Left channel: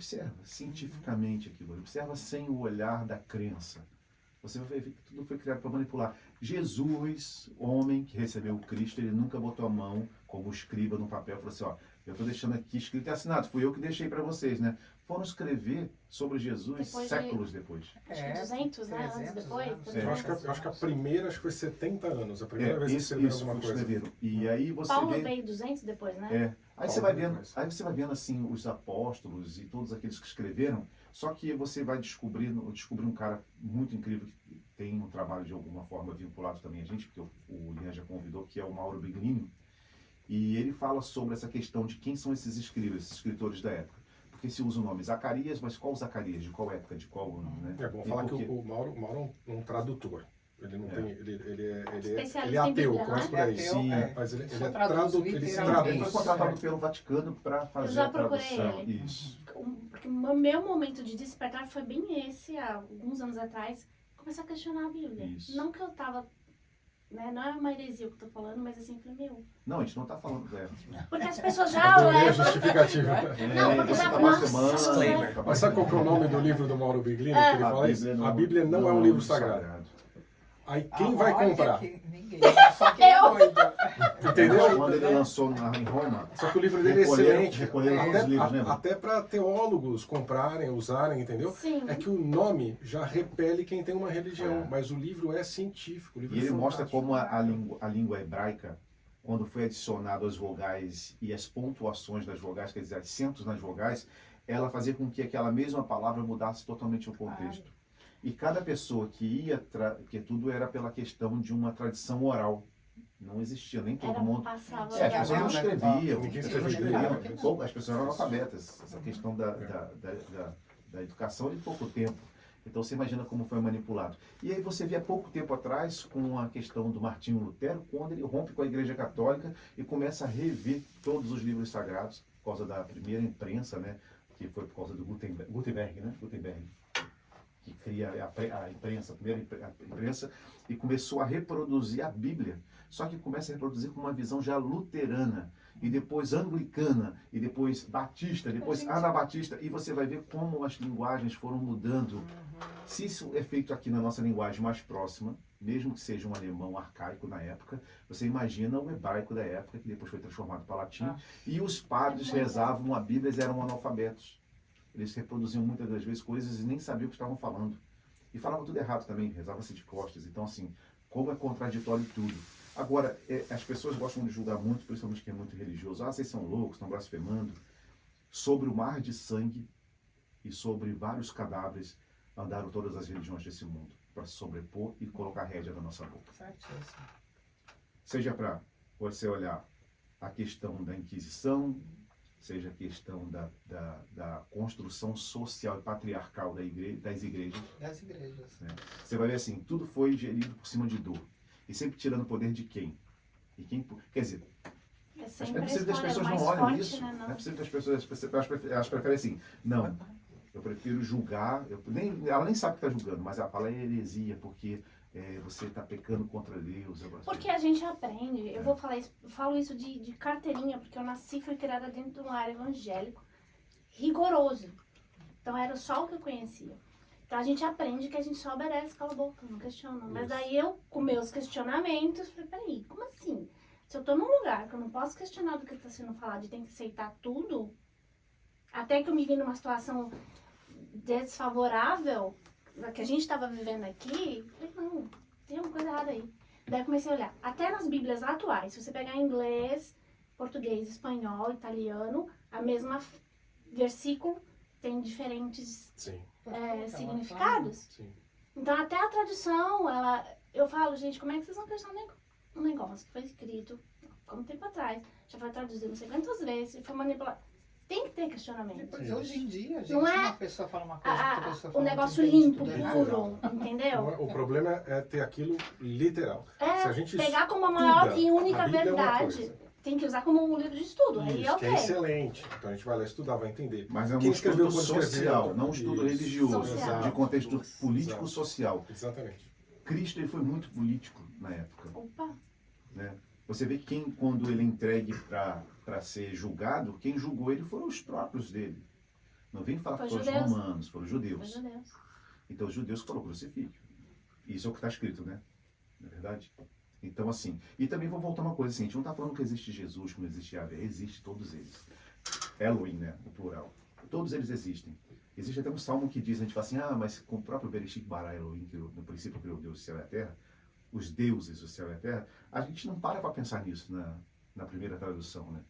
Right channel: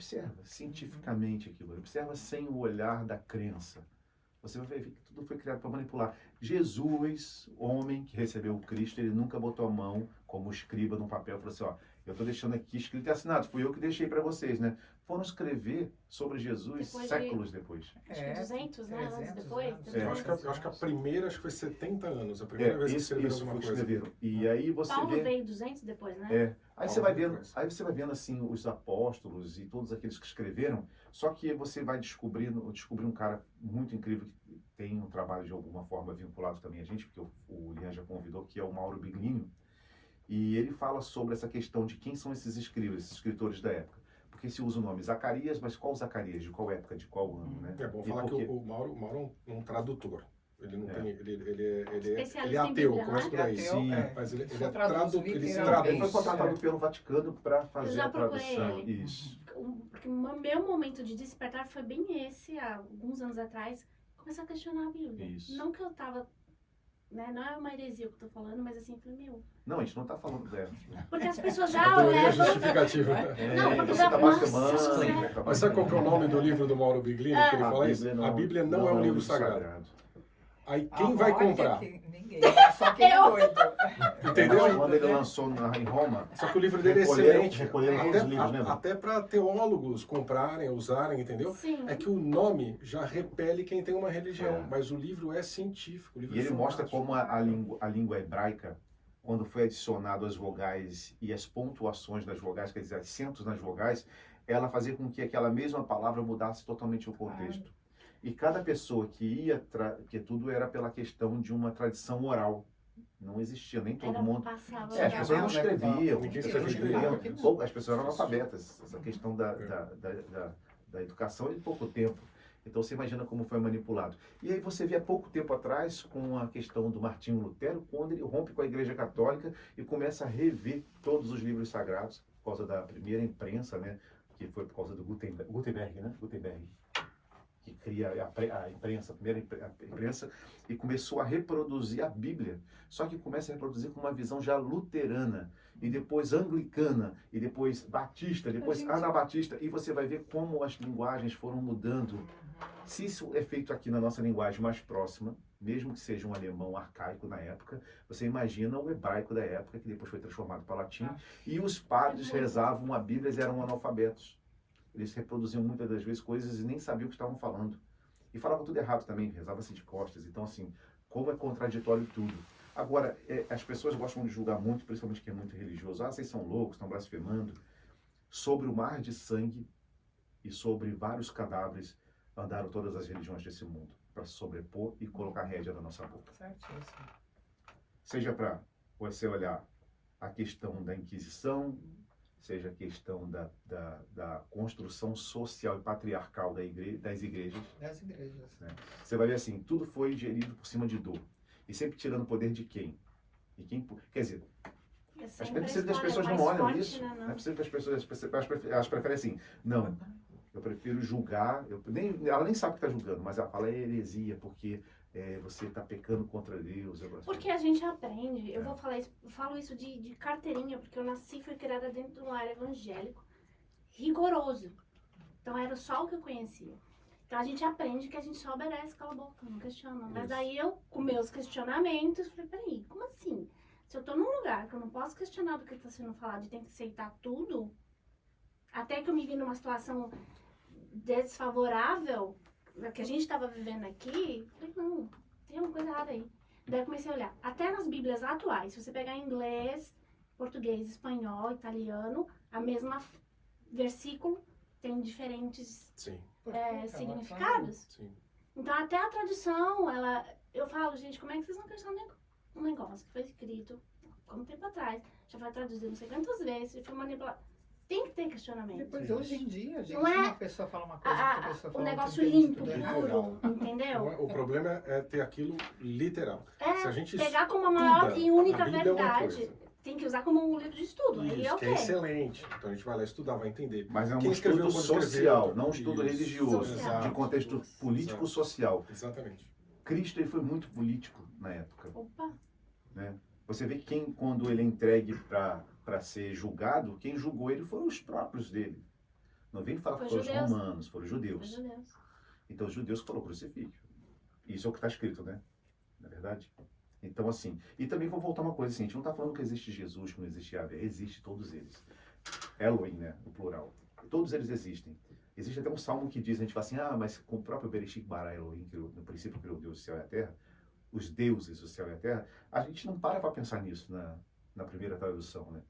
observa cientificamente aquilo, observa sem o olhar da crença. Você vai ver que tudo foi criado para manipular. Jesus, homem que recebeu o Cristo, ele nunca botou a mão como escriba no papel e falou assim, ó, eu estou deixando aqui escrito e assinado, fui eu que deixei para vocês, né? Foram escrever sobre Jesus séculos depois. Acho que 200, né? Anos depois. Eu acho que a primeira, acho que foi 70 anos, a primeira vez que escreveram alguma coisa. E aí você Paulo vê... veio 200 depois, né? Aí você vai vendo assim os apóstolos e todos aqueles que escreveram, só que você vai descobrir um cara muito incrível que tem um trabalho de alguma forma vinculado também a gente, porque o Lian já convidou, que é o Mauro Biglino, e ele fala sobre essa questão de quem são esses escritores da época. Porque se usa o nome Zacarias, mas qual Zacarias? De qual época? De qual ano? Né? É bom falar que o Mauro é um tradutor. Ele não tem, ele é Bíblia, ateu, né? começa por aí. Sim, mas ele Foi traduz. Ele foi contratado pelo Vaticano para fazer a tradução. Ele. Isso. Porque o meu momento de despertar foi bem esse, há alguns anos atrás, começar a questionar a Bíblia. Isso. Não que eu tava, né, não é uma heresia que eu tô falando, mas assim, falei, meu... Não, a gente não está falando dela. Porque as pessoas já Adorei a levam... justificativa. Não, porque você já... está Nossa, blasfemando. Mas sabe qual que é o nome do livro do Mauro Biglino que ele fala isso? A Bíblia não é um livro sagrado. Aí quem vai comprar? Ninguém, só quem é doido. Entendeu? Quando ele lançou em Roma, Só que o livro dele é excelente. recolheram os livros, né? Até para teólogos comprarem, usarem, entendeu? Sim. É que o nome já repele quem tem uma religião, mas o livro é científico. O livro E ele mostra fantástico. como a língua hebraica, quando foi adicionado as vogais e as pontuações das vogais, quer dizer, acentos nas vogais, ela fazia com que aquela mesma palavra mudasse totalmente o contexto. E cada pessoa que ia, porque tudo era pela questão de uma tradição oral. Não existia, nem todo mundo. Passava... As pessoas não escreviam, Ninguém as pessoas não escrevia. escreviam, as pessoas eram analfabetas. Essa questão da educação é de pouco tempo. Então você imagina como foi manipulado. E aí você vê há pouco tempo atrás com a questão do Martinho Lutero, quando ele rompe com a Igreja Católica e começa a rever todos os livros sagrados, por causa da primeira imprensa, né? Que foi por causa do Gutenberg, né? Gutenberg, que cria a imprensa, a primeira imprensa, e começou a reproduzir a Bíblia. Só que começa a reproduzir com uma visão já luterana, e depois anglicana, e depois batista, depois anabatista, e você vai ver como as linguagens foram mudando. Se isso é feito aqui na nossa linguagem mais próxima, mesmo que seja um alemão arcaico na época, você imagina o hebraico da época, que depois foi transformado para latim, e os padres rezavam a Bíblia e eram analfabetos. Eles reproduziam muitas das vezes coisas e nem sabiam o que estavam falando. E falavam tudo errado também, rezava-se de costas. Então, assim, como é contraditório tudo. Agora, as pessoas gostam de julgar muito, principalmente quem é muito religioso. Vocês são loucos, estão blasfemando. Sobre o mar de sangue e sobre vários cadáveres andaram todas as religiões desse mundo para se sobrepor e colocar a rédea na nossa boca. Certíssimo. Seja para você olhar a questão da Inquisição, seja a questão da construção social e patriarcal das igrejas. Das igrejas. Né? Você vai ver assim, tudo foi gerido por cima de dor. E sempre tirando o poder de quem? E quem, quer dizer, as pessoas não olham isso. Né, não é possível que as pessoas, elas preferem assim, não, eu prefiro julgar, ela nem sabe que está julgando, mas ela fala é heresia, porque você está pecando contra Deus. Porque a gente aprende, eu falo isso de carteirinha, porque eu nasci e fui criada dentro de um lar evangélico rigoroso. Então era só o que eu conhecia. Então a gente aprende que a gente só obedece, cala a boca, não questiona. Mas daí eu, com meus questionamentos, falei, peraí, como assim? Se eu tô num lugar que eu não posso questionar do que está sendo falado e tem que aceitar tudo, até que eu me vi numa situação desfavorável, que a gente estava vivendo aqui, falei, não, tem uma coisa errada aí. Daí eu comecei a olhar, até nas bíblias atuais, se você pegar inglês, português, espanhol, italiano, a mesma versículo tem diferentes significados. Sim. Então até a tradução, eu falo, gente, como é que vocês vão questionar um negócio que foi escrito há um tempo atrás, já foi traduzido não sei quantas vezes, foi manipulado. Tem que ter questionamento. Depois, hoje em dia, gente, não é uma pessoa fala uma coisa, outra pessoa fala o negócio outra, limpo, tudo errado. puro, entendeu? O problema é ter aquilo literal. Se a gente pegar como a maior e única a Bíblia é uma verdade. coisa. Tem que usar como um livro de estudo. Aí Isso, é que é excelente. Então a gente vai lá estudar, vai entender. Mas é um Quem estudo escreveu, social, não um estudo religioso, Social. de contexto político-social. Exatamente. Cristo ele foi muito político na época. Opa! Né? Você vê que quando ele é entregue para ser julgado, quem julgou ele foram os próprios dele. Não vem falar que Foi foram os judeus. romanos, foram os judeus. Os judeus. Então, os judeus foram crucifixo. Isso é o que está escrito, né? Não é verdade? Então, assim, e também vou voltar uma coisa assim, a gente não está falando que existe Jesus, que não existe Yahvé, existe todos eles. Elohim, né? O plural. Todos eles existem. Existe até um salmo que diz, a gente fala assim, mas com o próprio Bereshit bara Elohim, que no princípio criou Deus, o céu e a terra, os deuses, o céu e a terra, a gente não para pensar nisso na primeira tradução, né?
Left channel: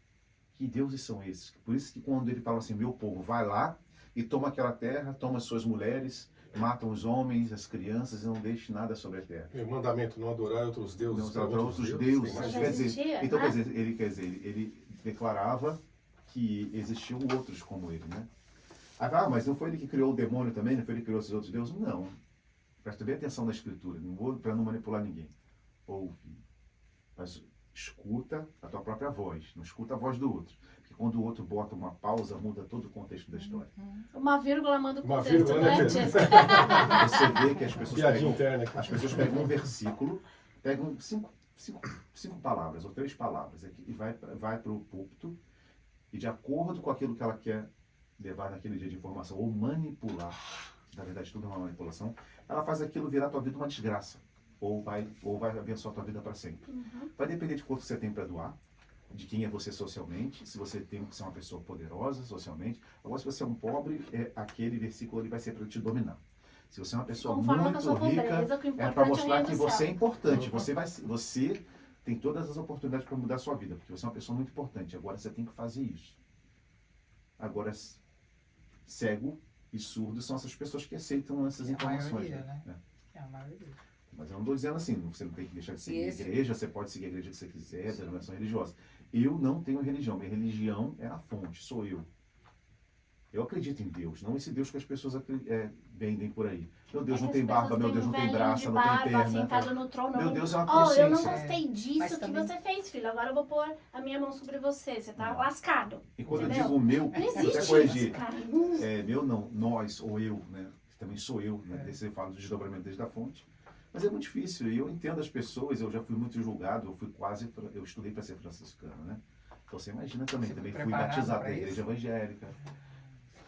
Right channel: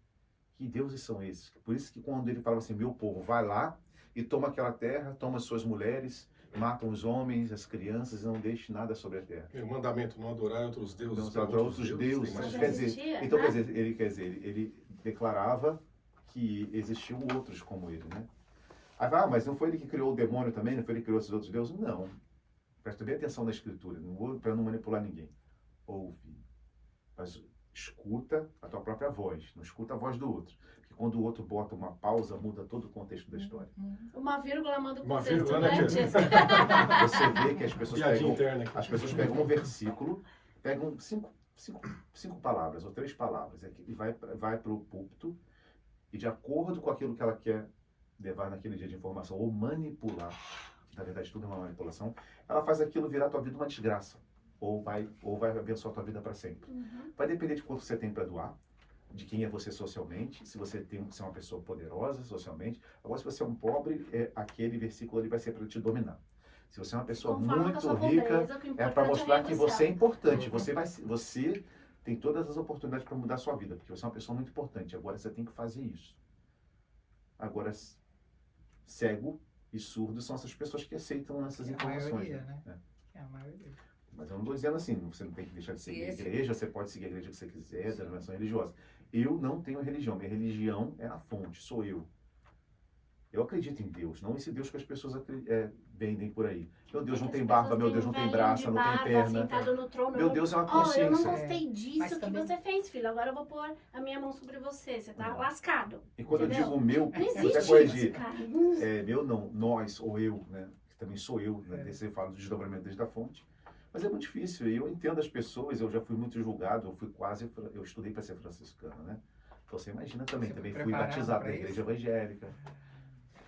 Que deuses são esses? Por isso que quando ele fala assim, meu povo, vai lá e toma aquela terra, toma suas mulheres, matam os homens, as crianças e não deixe nada sobre a terra. O mandamento, não adorar outros deuses. Não adorar outros deuses. Mas Quer dizer, existia, então, né? quer dizer, ele declarava que existiam outros como ele, né? Mas não foi ele que criou o demônio também? Não foi ele que criou esses outros deuses? Não. Presta bem atenção na escritura, não vou para não manipular ninguém. Ouve, mas escuta a tua própria voz, não escuta a voz do outro. Porque quando o outro bota uma pausa, muda todo o contexto da história. Uma vírgula manda o Uma contexto, vírgula, né, né? Tia? Você vê que Piadinha interna aqui. as pessoas pegam um versículo, pegam cinco palavras ou 3 palavras e vai para o púlpito e de acordo com aquilo que ela quer levar naquele dia de informação ou manipular, que na verdade tudo é uma manipulação, ela faz aquilo virar a tua vida uma desgraça ou vai abençoar a tua vida para sempre. Vai depender de quanto você tem para doar, de quem é você socialmente, se você tem que ser uma pessoa poderosa socialmente. Agora, se você é um pobre, aquele versículo ele vai ser para te dominar. Se você é uma pessoa Conforme com a muito sua rica, pobreza, que o é importante para é o mostrar reino que do você é céu. importante. Você tem todas as oportunidades para mudar a sua vida, porque você é uma pessoa muito importante. Agora você tem que fazer isso. Agora, cego e surdo são essas pessoas que aceitam essas É a informações. maioria, Né? né? É a maioria. Mas eu não estou dizendo assim, você não tem que deixar de seguir Esse- a igreja, você pode seguir a igreja que você quiser, denominação religiosa. Eu não tenho religião, minha religião é a fonte, sou eu. Eu acredito em Deus, não esse Deus que as pessoas vendem por aí. Meu Deus não tem barba, meu Deus não tem braço, não tem perna. Sentado no trono, Meu Deus é uma Oh, eu não consciência. gostei Mas disso que também- você fez, filho. Agora eu vou pôr a minha mão sobre você. Você tá lascado. E quando eu Entendeu? digo o meu, Não vou até existe corrigir. isso, cara. Meu não, nós ou eu, né? Que também sou eu, né? Desse eu falo do desdobramento desde a fonte. Mas é muito difícil, e eu entendo as pessoas, eu já fui muito julgado, eu estudei para ser franciscano, né? Então você imagina também, Você também foi fui preparado batizado pra na isso? igreja evangélica.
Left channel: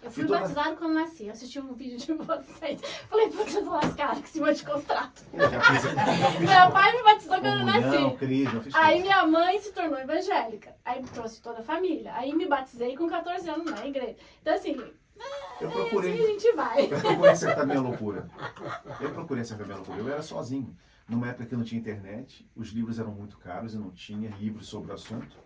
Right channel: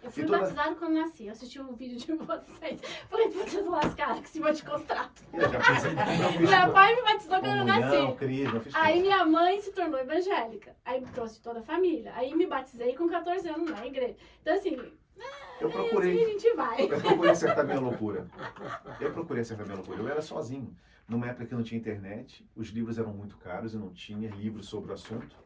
Eu fui E toda- batizado quando nasci. Eu assisti um vídeo de vocês. Falei, puta, eu tô lascado, que cima de contrato. Eu já fiz Meu pai me batizou quando eu comunhão, nasci. crisma, fiz Aí tudo. minha mãe se tornou evangélica. Aí trouxe toda a família. Aí me batizei com 14 anos na igreja. Então assim, Eu assim a procurei, gente vai. eu procurei acertar minha loucura. Eu era sozinho. Numa época que não tinha internet, os livros eram muito caros, eu não tinha livros sobre o assunto.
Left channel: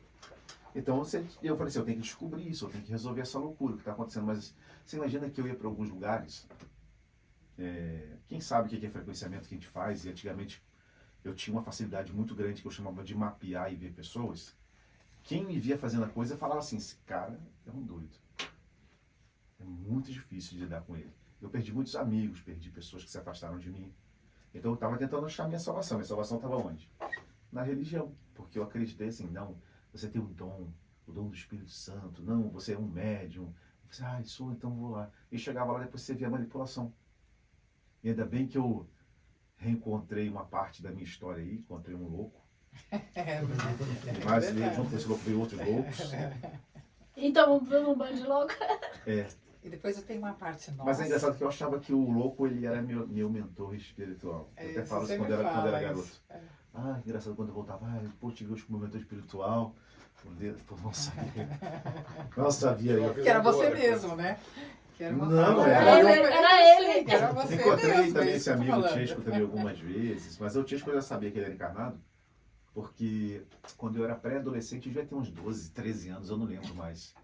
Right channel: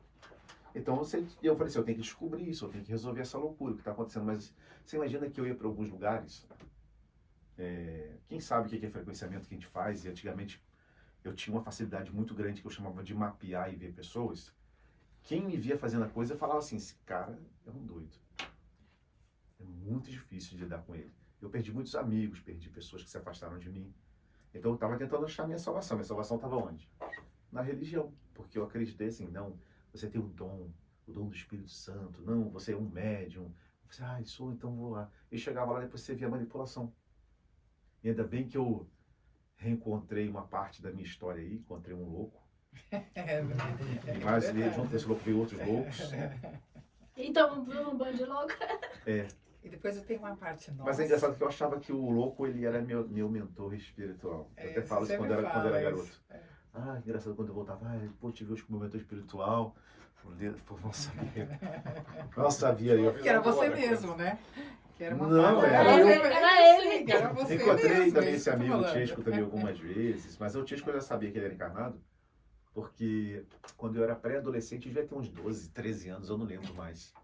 Então eu falei assim, eu tenho que descobrir isso, eu tenho que resolver essa loucura que está acontecendo. Mas você imagina que eu ia para alguns lugares, quem sabe o que é frequenciamento que a gente faz, e antigamente eu tinha uma facilidade muito grande que eu chamava de mapear e ver pessoas. Quem me via fazendo a coisa falava assim, esse cara é um doido. É muito difícil de lidar com ele. Eu perdi muitos amigos, perdi pessoas que se afastaram de mim. Então eu estava tentando achar minha salvação. Minha salvação estava onde? Na religião. Porque eu acreditei assim, não, você tem o dom do Espírito Santo, não, você é um médium. Eu falei, sou, então vou lá. E chegava lá, depois você via a manipulação. E ainda bem que eu reencontrei uma parte da minha história aí, encontrei um louco. Mas junto com esse louco veio outros loucos. Então, vamos um bando de louco. E depois eu tenho uma parte nossa. Mas é engraçado que eu achava que o louco ele era meu mentor espiritual. Eu até falo isso quando eu era garoto. Engraçado quando eu voltava, pô, tive hoje com o meu mentor espiritual. Pô, não sabia. Não sabia eu. Que era você mesmo, né? Que era uma Não, parte- era eu. Era ele. Sim, era você Encontrei mesmo, também é isso esse que eu tô amigo falando. Chesco também algumas vezes, mas o Chesco eu já sabia que ele era encarnado, porque quando eu era pré-adolescente, eu devia ter uns 12, 13 anos, eu não lembro mais.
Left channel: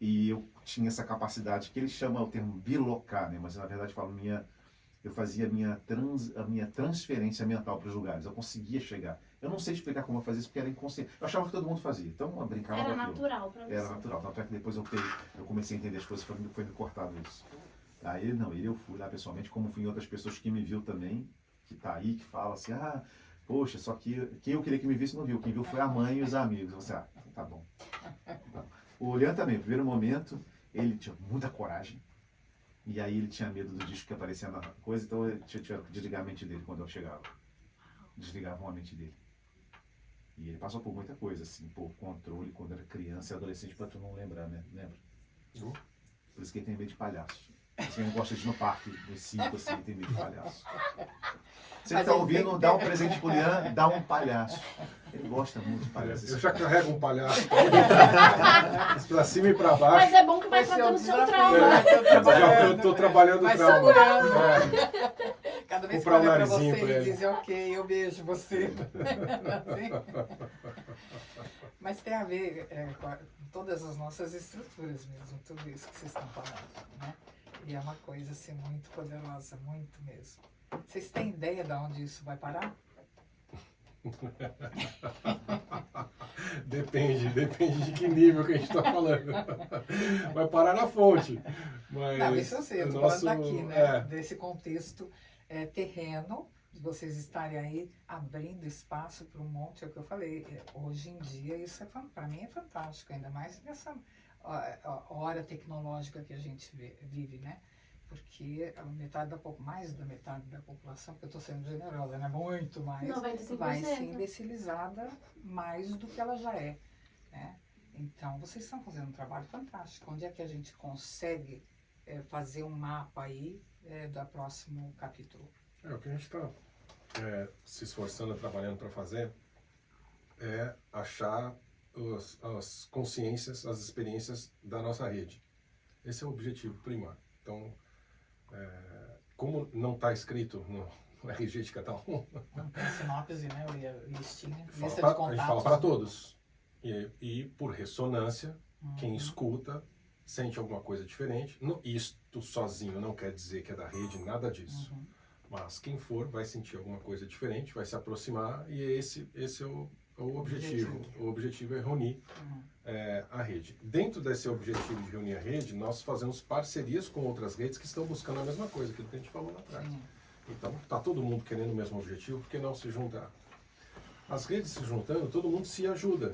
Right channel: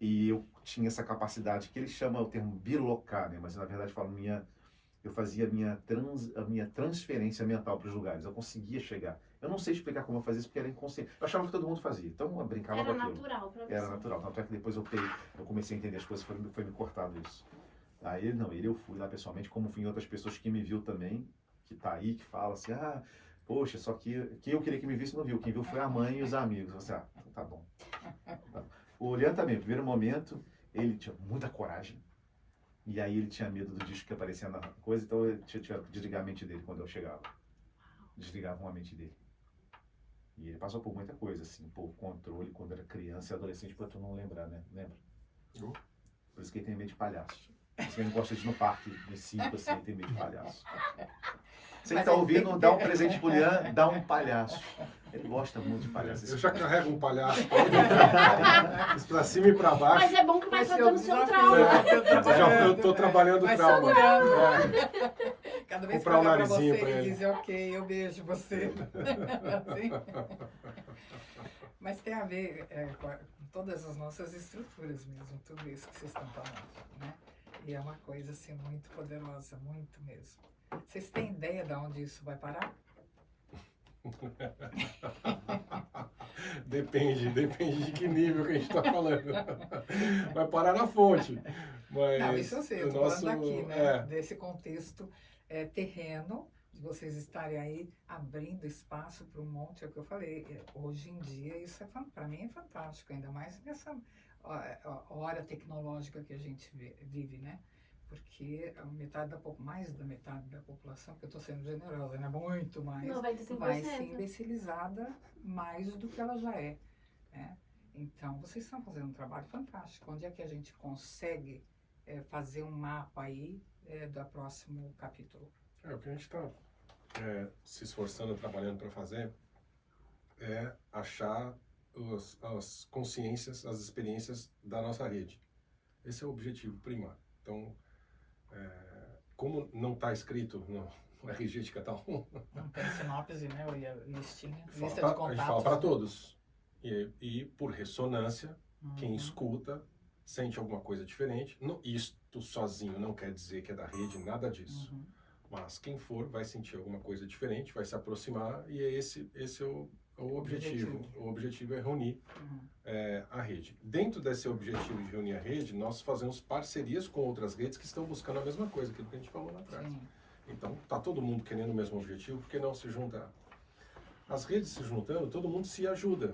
E eu tinha essa capacidade, que ele chama o termo bilocar, né? Mas na verdade eu fazia a minha transferência mental para os lugares, eu conseguia chegar. Eu não sei explicar como eu fazia isso, porque era inconsciente. Eu achava que todo mundo fazia, então eu brincava Era com aquilo. natural pra você. Era natural, tanto é que depois eu comecei a entender as coisas, foi me cortado isso. Aí ele eu fui lá pessoalmente, como fui em outras pessoas que me viu também, que tá aí, que fala assim, poxa, só que quem eu queria que me visse não viu, quem viu foi a mãe e os amigos. Você, tá bom. O Leandro também, no primeiro momento, ele tinha muita coragem, e aí ele tinha medo do disco que aparecia na coisa, então eu tiveram que desligar a mente dele quando eu chegava. Desligavam a mente dele. E ele passou por muita coisa, assim, por controle, quando era criança e adolescente, pra tu não lembrar, né? Lembra? Por isso que ele tem medo de palhaço. Por isso que ele não gosta de ir no parque, no circo, assim, ele tem medo de palhaço. Se ele está ouvindo, dá um presente pro Lian, dá um palhaço. Ele gosta muito de palhaço. Eu já carrego um palhaço pra cima e pra baixo. Mas é bom que vai tratando o seu trauma. Eu tô trabalhando o trauma. Cada vez que Comprar um olha pra narizinho você pra e ele. dizer, ok, eu beijo você. Mas tem a ver com todas as nossas estruturas mesmo, tudo isso que vocês estão falando, né? E é uma coisa assim muito poderosa, muito mesmo. Vocês têm ideia de onde isso vai parar? Depende de que nível que a gente está falando. Vai parar na fonte. Mas Não, isso eu sei, eu estou falando daqui, né? Desse contexto terreno, de vocês estarem aí abrindo espaço para um monte, é o que eu falei. Hoje em dia, isso para mim é fantástico, ainda mais nessa hora tecnológica que a gente vive, né? Porque mais da metade da população, porque eu estou sendo generosa, né? Muito mais, 95%. vai ser imbecilizada mais do que ela já é, né? Então, vocês estão fazendo um trabalho fantástico. Onde é que a gente consegue fazer um mapa aí do próximo capítulo? O que a gente está se esforçando, trabalhando para fazer é achar as consciências, as experiências da nossa rede. Esse é o objetivo primário. Então, como não está escrito no RG de cada um, não tem sinopse, né? Lista de contatos. A gente fala para todos. E por ressonância, quem escuta sente alguma coisa diferente. Isto sozinho não quer dizer que é da rede, nada disso. Mas quem for vai sentir alguma coisa diferente, vai se aproximar, e esse é o objetivo. O objetivo é reunir a rede. Dentro desse objetivo de reunir a rede, nós fazemos parcerias com outras redes que estão buscando a mesma coisa, aquilo que a gente falou lá atrás. Então, está todo mundo querendo o mesmo objetivo, por que não se juntar? As redes se juntando, todo mundo se ajuda.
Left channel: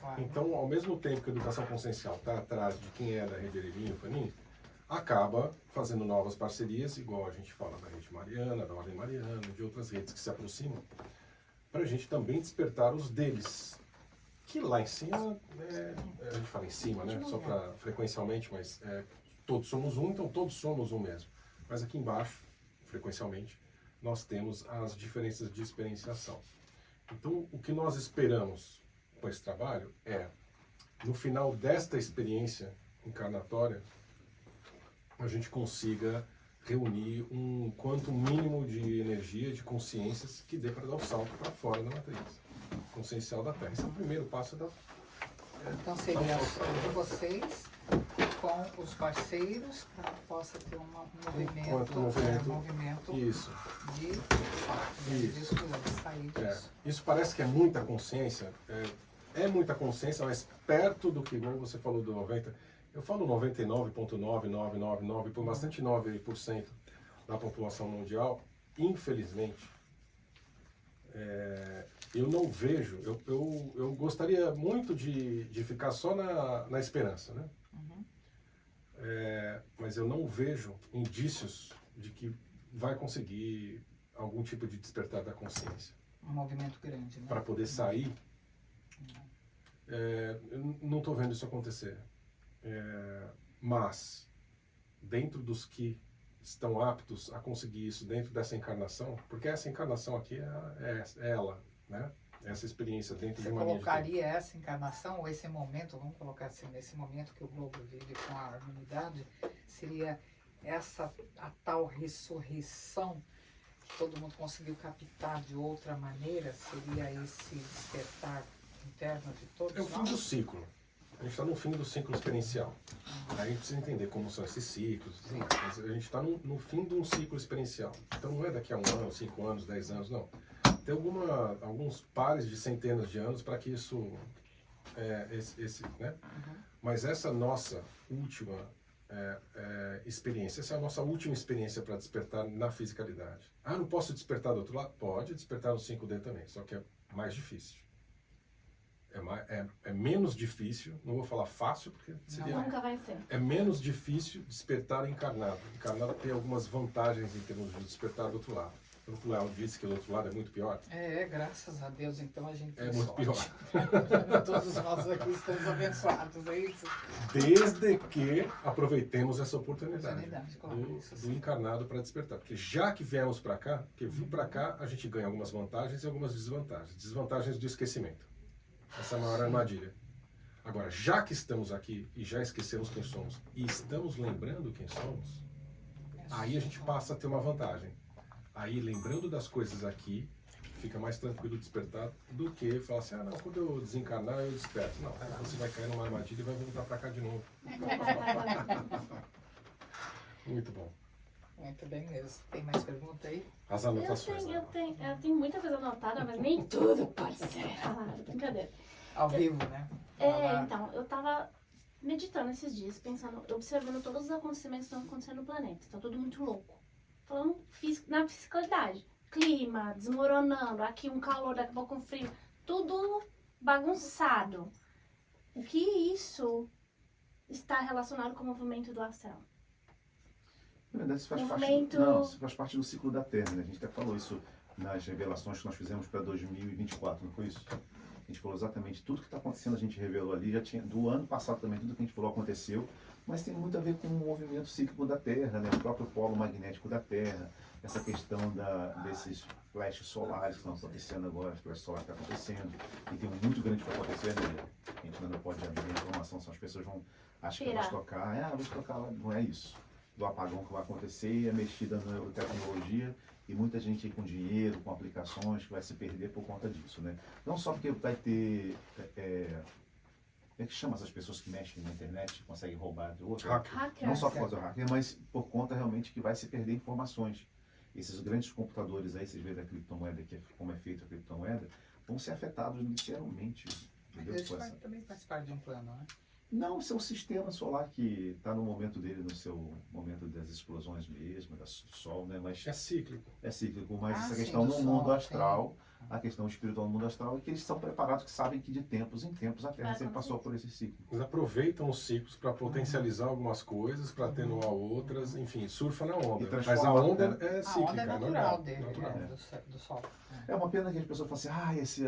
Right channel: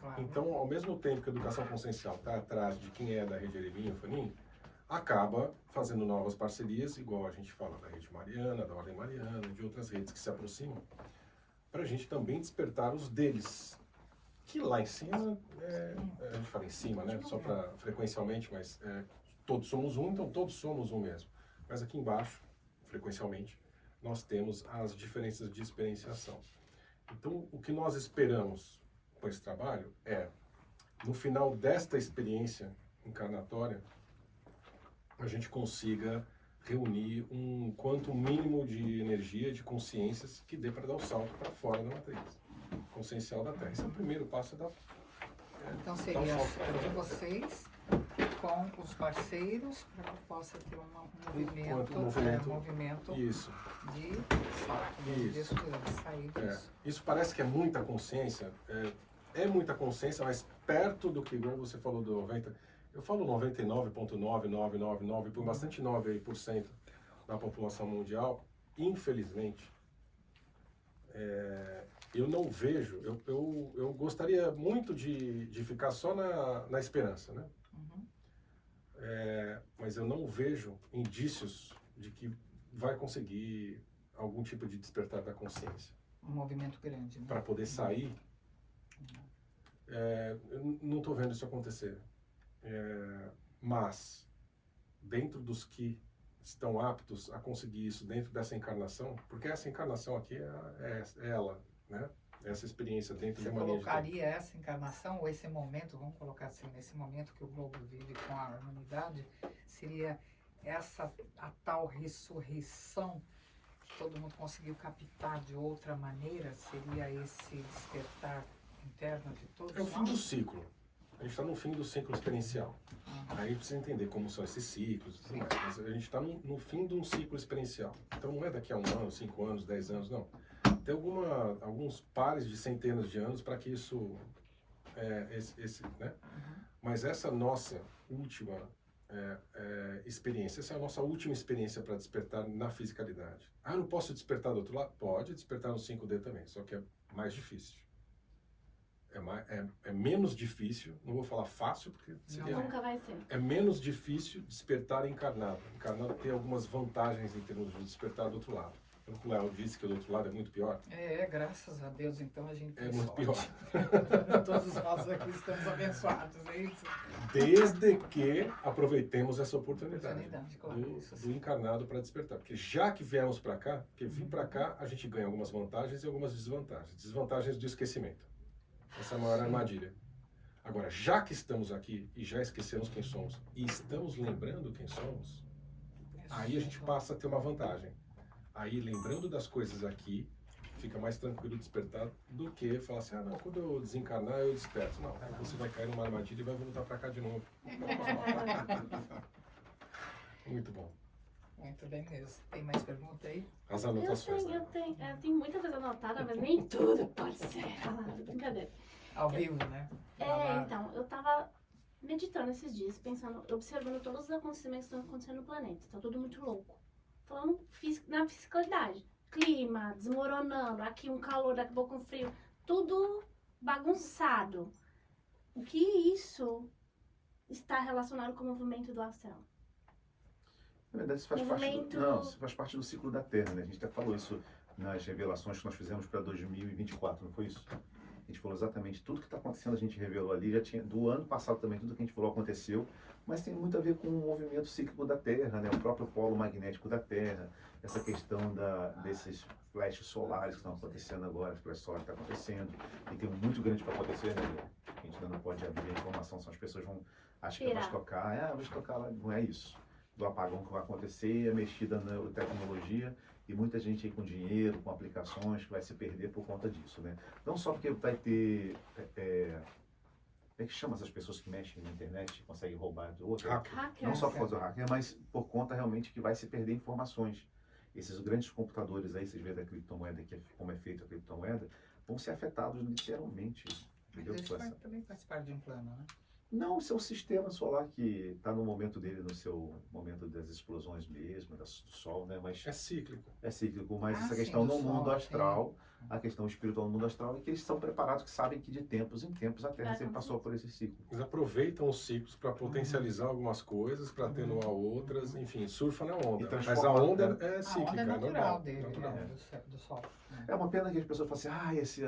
Claro. Então, ao mesmo tempo que a educação consciencial está atrás de quem é da rede Erelino e Fanim, acaba fazendo novas parcerias, igual a gente fala da rede Mariana, da Ordem Mariana, de outras redes que se aproximam, para a gente também despertar os deles. Que lá em cima, a gente fala em cima, né? Só para frequencialmente, mas todos somos um, então todos somos um mesmo. Mas aqui embaixo, frequencialmente, nós temos as diferenças de experienciação. Então, o que nós esperamos com esse trabalho é, no final desta experiência encarnatória, a gente consiga reunir um quanto mínimo de energia, de consciências, que dê para dar o salto para fora da matriz consciencial da Terra. Esse é o primeiro passo da... Então seria de vocês com os parceiros para que possa ter um movimento isso. de sair disso. Isso parece que é muita consciência, é muita consciência, mas perto do que você falou do 90%, eu falo 99,9999, por bastante 9% da população mundial, infelizmente, eu não vejo, eu gostaria muito de ficar só na esperança, né? Mas eu não vejo indícios de que vai conseguir algum tipo de despertar da consciência. Um movimento grande, né? Para poder sair, eu não estou vendo isso acontecer. Mas, dentro dos que estão aptos a conseguir isso dentro dessa encarnação, porque essa encarnação aqui é ela, né? Essa experiência dentro de uma linha de tempo. Você colocaria essa encarnação, ou esse momento, vamos colocar assim, nesse momento que o globo vive com a humanidade, seria a tal ressurreição que todo mundo conseguiu captar de outra maneira? Seria esse despertar interno de todos É o fim do ciclo. A gente está no fim do ciclo experiencial. Aí a gente precisa entender como são esses ciclos, mas a gente está no fim de um ciclo experiencial. Então não é daqui a 1 ano, 5 anos, 10 anos, não. Tem alguns pares de centenas de anos para que isso, né? Mas essa nossa última experiência, essa é a nossa última experiência para despertar na fisicalidade. Eu não posso despertar do outro lado? Pode despertar no 5D também, só que é mais difícil. É menos difícil, não vou falar fácil, porque seria... Nunca vai ser. É menos difícil despertar encarnado. Encarnado tem algumas vantagens em termos de despertar do outro lado. O Léo disse que do outro lado é muito pior. Graças a Deus, então a gente É tem muito sorte. Todos nós aqui estamos abençoados, é isso? Desde que aproveitemos essa oportunidade Claro, do encarnado para despertar. Porque já que viemos para cá, porque vir para cá, a gente ganha algumas vantagens e algumas desvantagens. Desvantagens do esquecimento. Essa é a maior armadilha. Agora, já que estamos aqui e já esquecemos quem somos e estamos lembrando quem somos, aí a gente passa a ter uma vantagem. Aí, lembrando das coisas aqui, fica mais tranquilo despertar do que falar assim, não, quando eu desencarnar eu desperto. Não, você vai cair numa armadilha e vai voltar para cá de novo. Muito bom. Muito bem mesmo. Tem mais pergunta aí? As anotações. Eu tenho muita coisa anotada, mas nem tudo pode ser falado. Brincadeira. Ao vivo, né? Então, eu tava meditando esses dias, pensando, observando todos os acontecimentos que estão acontecendo no planeta. Tá tudo muito louco. Falando na fisicalidade. Clima, desmoronando, aqui um calor, daqui a pouco um frio. Tudo bagunçado. O que isso está relacionado com o movimento do astral? Na verdade, isso faz, isso faz parte do ciclo da Terra, né? A gente até falou isso nas revelações que nós fizemos para 2024, não foi isso? A gente falou exatamente tudo que está acontecendo, a gente revelou ali, já tinha do ano passado também, tudo que a gente falou aconteceu, mas tem muito a ver com o movimento cíclico da Terra, né? O próprio polo magnético da Terra, essa questão desses flashes solares que estão acontecendo agora, as flashes solares que estão acontecendo, e tem um muito grande para acontecer, né? A gente ainda não pode abrir a informação, são as pessoas vão achar que vai tocar, vai tocar lá, não é isso. Do apagão que vai acontecer, a mexida na tecnologia e muita gente aí com dinheiro, com aplicações que vai se perder por conta disso, né? Não só porque vai ter, como é que chama essas pessoas que mexem na internet, conseguem roubar de outra? Não só por causa do hacker, mas por conta realmente que vai se perder informações. Esses grandes computadores aí, vocês veem da criptomoeda, como é feita a criptomoeda, vão ser afetados literalmente. Mas isso também faz parte de um plano, né? Não, o seu sistema solar que está no momento dele, no seu momento das explosões mesmo, do Sol, né? Mas é cíclico. É cíclico, mas essa questão no mundo astral, a questão espiritual no mundo astral é que eles são preparados, que sabem que de tempos em tempos a Terra sempre passou por esse ciclo. Eles aproveitam os ciclos para potencializar algumas coisas, para atenuar outras, enfim, surfa na onda. Mas a onda é cíclica, a onda é natural dele, natural. Do Sol. É uma pena que as pessoas falam assim,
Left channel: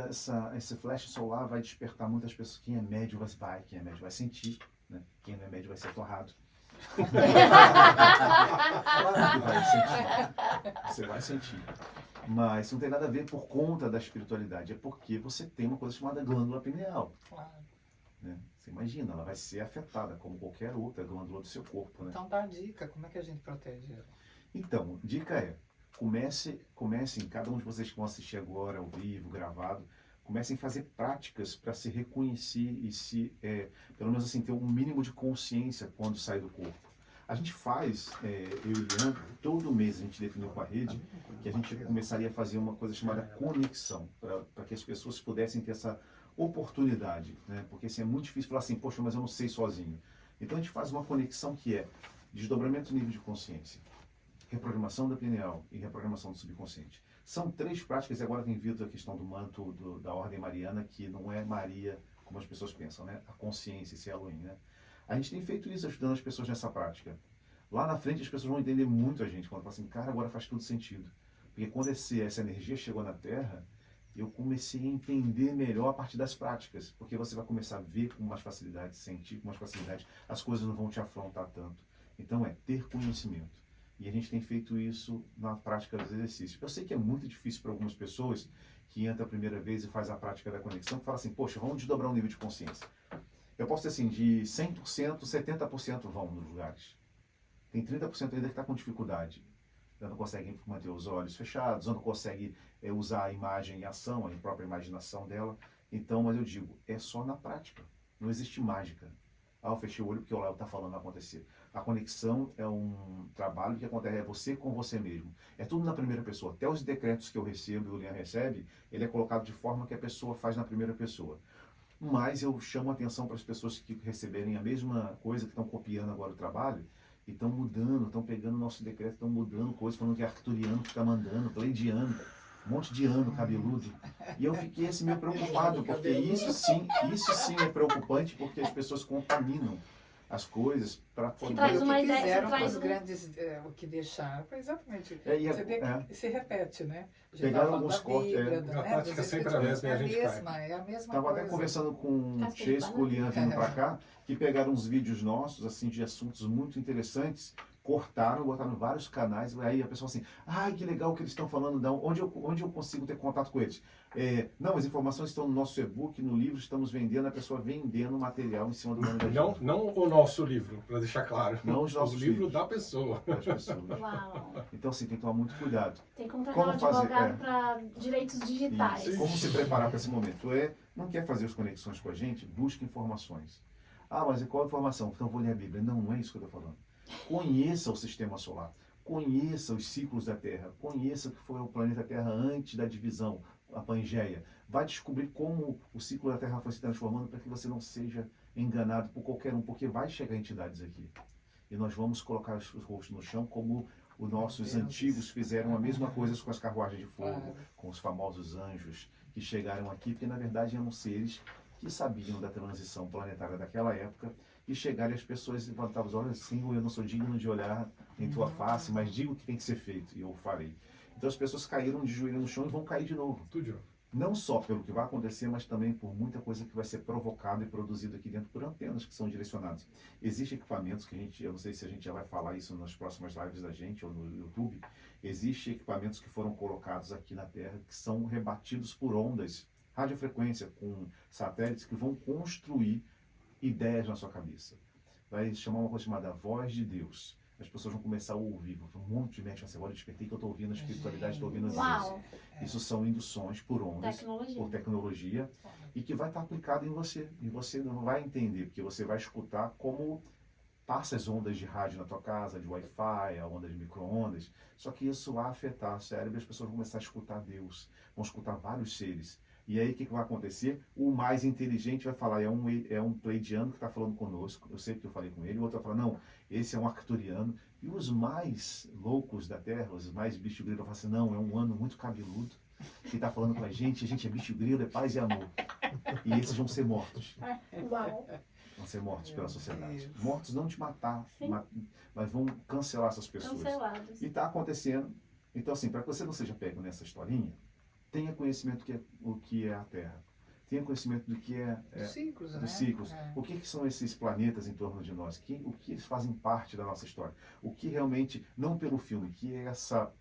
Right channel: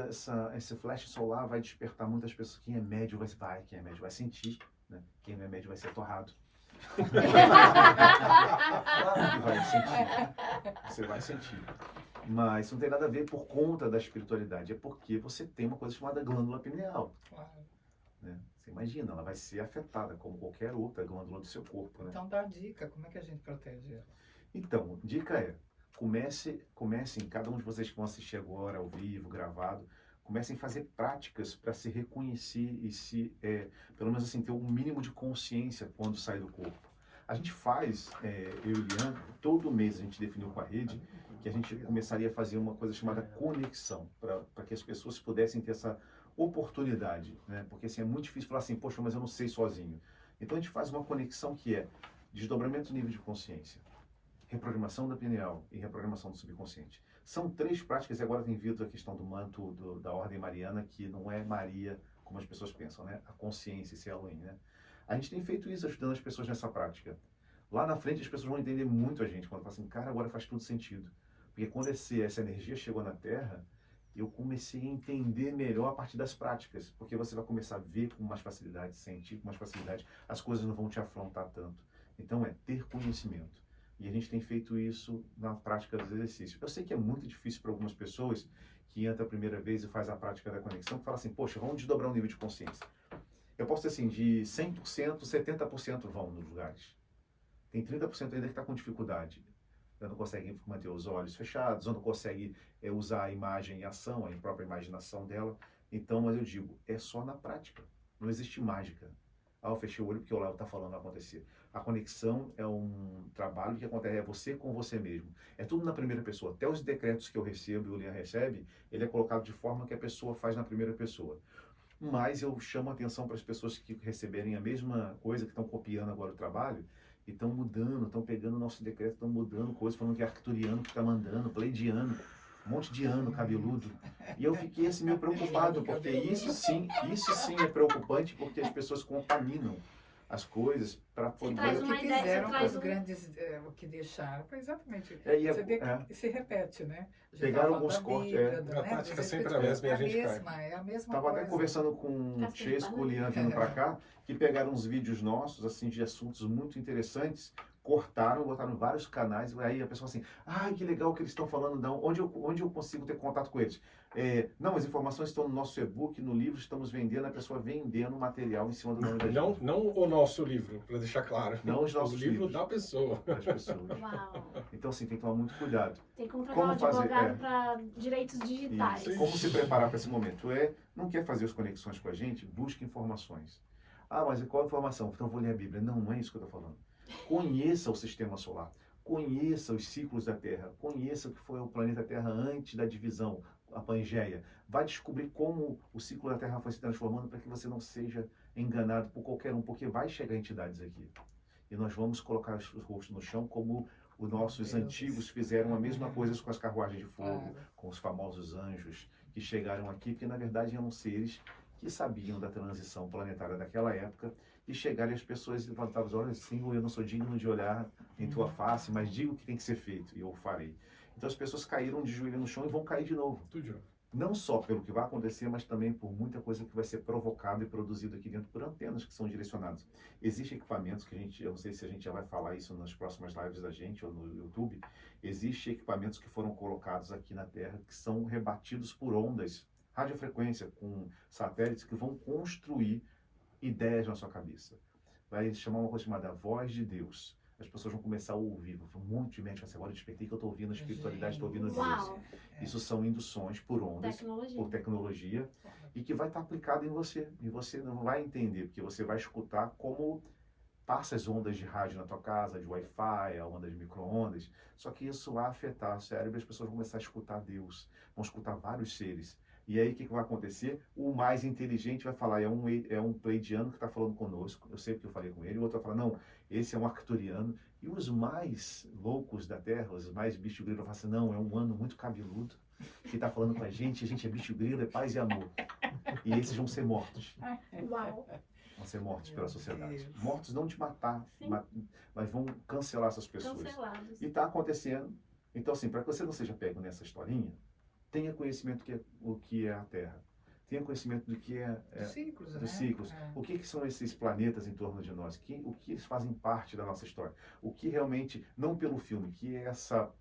esse flash solar vai despertar muitas pessoas. Quem é médio quem é médio vai sentir, né? Quem não é médio vai ser torrado. Claro que vai sentir. Você vai sentir. Mas isso não tem nada a ver por conta da espiritualidade, é porque você tem uma coisa chamada glândula pineal. Claro. Né? Você imagina, ela vai ser afetada como qualquer outra glândula do seu corpo. Né? Então dá dica, como é que a gente protege ela? Então, dica é, comecem, cada um de vocês que vão assistir agora, ao vivo, gravado, comecem a fazer práticas para se reconhecer e pelo menos assim, ter um mínimo de consciência quando sai do corpo. A gente faz, eu e o Leandro, todo mês a gente definiu com a rede que a gente começaria a fazer uma coisa chamada conexão, para que as pessoas pudessem ter essa oportunidade, né? Porque assim, é muito difícil falar assim, poxa, mas eu não sei sozinho. Então a gente faz uma conexão que é desdobramento do nível de consciência, reprogramação da pineal e reprogramação do subconsciente. São 3 práticas, e agora tem vindo a questão do manto da Ordem Mariana, que não é Maria, como as pessoas pensam, né? A consciência, esse Elohim, né? A gente tem feito isso, ajudando as pessoas nessa prática. Lá na frente as pessoas vão entender muito a gente, quando falam assim, cara, agora faz tudo sentido. Porque quando essa energia chegou na Terra, eu comecei a entender melhor a partir das práticas. Porque você vai começar a ver com mais facilidade, sentir com mais facilidade, as coisas não vão te afrontar tanto. Então ter conhecimento. E a gente tem feito isso na prática dos exercícios. Eu sei que é muito difícil para algumas pessoas que entram a primeira vez e faz a prática da conexão, que fala assim, poxa, vamos desdobrar o nível de consciência. Eu posso dizer assim, de 100%, 70% vão nos lugares. Tem 30% ainda que está com dificuldade. Não consegue manter os olhos fechados, ou não consegue usar a imagem em ação, a própria imaginação dela. Então, mas eu digo, é só na prática. Não existe mágica. Eu fechei o olho porque o Léo está falando vai acontecer. A conexão é um trabalho que acontece, é você com você mesmo. É tudo na primeira pessoa. Até os decretos que eu recebo e o Leandro recebe, ele é colocado de forma que a pessoa faz na primeira pessoa. Mas eu chamo a atenção para as pessoas que receberem a mesma coisa, que estão copiando agora o trabalho, e estão mudando, estão pegando o nosso decreto, estão mudando coisas, falando que é arcturiano que está mandando, pleidiano, um monte de ano cabeludo. E eu fiquei assim meio preocupado, porque isso sim é preocupante, porque as pessoas contaminam as coisas para poder... traz O uma que ideia, fizeram você com traz os um- grandes, o que deixaram, foi exatamente. Você Se repete, né? Pegaram alguns cortes, A tática sempre é a mesma e a gente cai. É a mesma Estava até coisa. conversando com o Casca de Chesco, o banana. Lian vindo para cá, que pegaram uns vídeos nossos, assim, de assuntos muito interessantes, cortaram, botaram em vários canais, e aí a pessoa assim, ai, que legal que eles estão falando, não, onde eu consigo ter contato com eles? Não, as informações estão no nosso e-book, no livro, estamos vendendo, a pessoa vendendo material em cima do nome da gente. Não o nosso livro, para deixar claro. Não os nossos o livro livros. da pessoa. Das pessoas. Uau. Então, assim, tem que tomar muito cuidado. Tem que contratar Como um fazer? advogado para direitos digitais. Isso. Como se preparar para esse momento? Não quer fazer as conexões com a gente? Busque informações. Ah, mas qual informação? Então eu vou ler a Bíblia. Não é isso que eu estou falando. Conheça o sistema solar. Conheça os ciclos da Terra. Conheça o que foi o planeta Terra antes da divisão, a Pangeia. Vai descobrir como o ciclo da Terra foi se transformando para que você não seja enganado por qualquer um, porque vai chegar entidades aqui. E nós vamos colocar os rostos no chão como os nossos antigos fizeram a mesma coisa com as carruagens de fogo, com os famosos anjos que chegaram aqui, porque na verdade eram seres que sabiam da transição planetária daquela época, e chegaram e as pessoas levantavam os olhos assim, eu não sou digno de olhar em tua face, mas digo o que tem que ser feito, e eu farei. Então as pessoas caíram de joelho no chão e vão cair de novo. Tudo. Não só pelo que vai acontecer, mas também por muita coisa que vai ser provocada e produzida aqui dentro por antenas que são direcionadas. Existem equipamentos que eu não sei se a gente já vai falar isso nas próximas lives da gente ou no YouTube, existem equipamentos que foram colocados aqui na Terra que são rebatidos por ondas, radiofrequência, com satélites que vão construir ideias na sua cabeça. Vai chamar uma coisa chamada voz de Deus. As pessoas vão começar a ouvir, um monte de mente vai ser, agora eu despertei que eu estou ouvindo a espiritualidade, estou ouvindo Deus. Uau. Isso são induções por ondas, Tecnologia. por tecnologia, e que vai estar aplicado em você. E você não vai entender, porque você vai escutar como passa as ondas de rádio na tua casa, de Wi-Fi, a onda de micro-ondas. Só que isso vai afetar o cérebro e as pessoas vão começar a escutar Deus, vão escutar vários seres. E aí o que vai acontecer? O mais inteligente vai falar, é um pleidiano que está falando conosco, eu sei que eu falei com ele, o outro vai falar, não, esse é um arcturiano. E os mais loucos da Terra, os mais bicho grilo, vão falar assim, não, é um ano muito cabeludo, que está falando com a gente é bicho grilo, é paz e amor. E esses vão ser mortos. Uau. Vão ser mortos pela sociedade. Deus. Mortos não de matar, mas vão cancelar essas pessoas. Cancelados. E está acontecendo. Então, assim, para que você não seja pego nessa historinha, tenha conhecimento o que é a Terra. Tenha conhecimento do que Dos ciclos, né? dos ciclos. É. O que são esses planetas em torno de nós? O que eles fazem parte da nossa história? O que realmente, não pelo filme, que é essa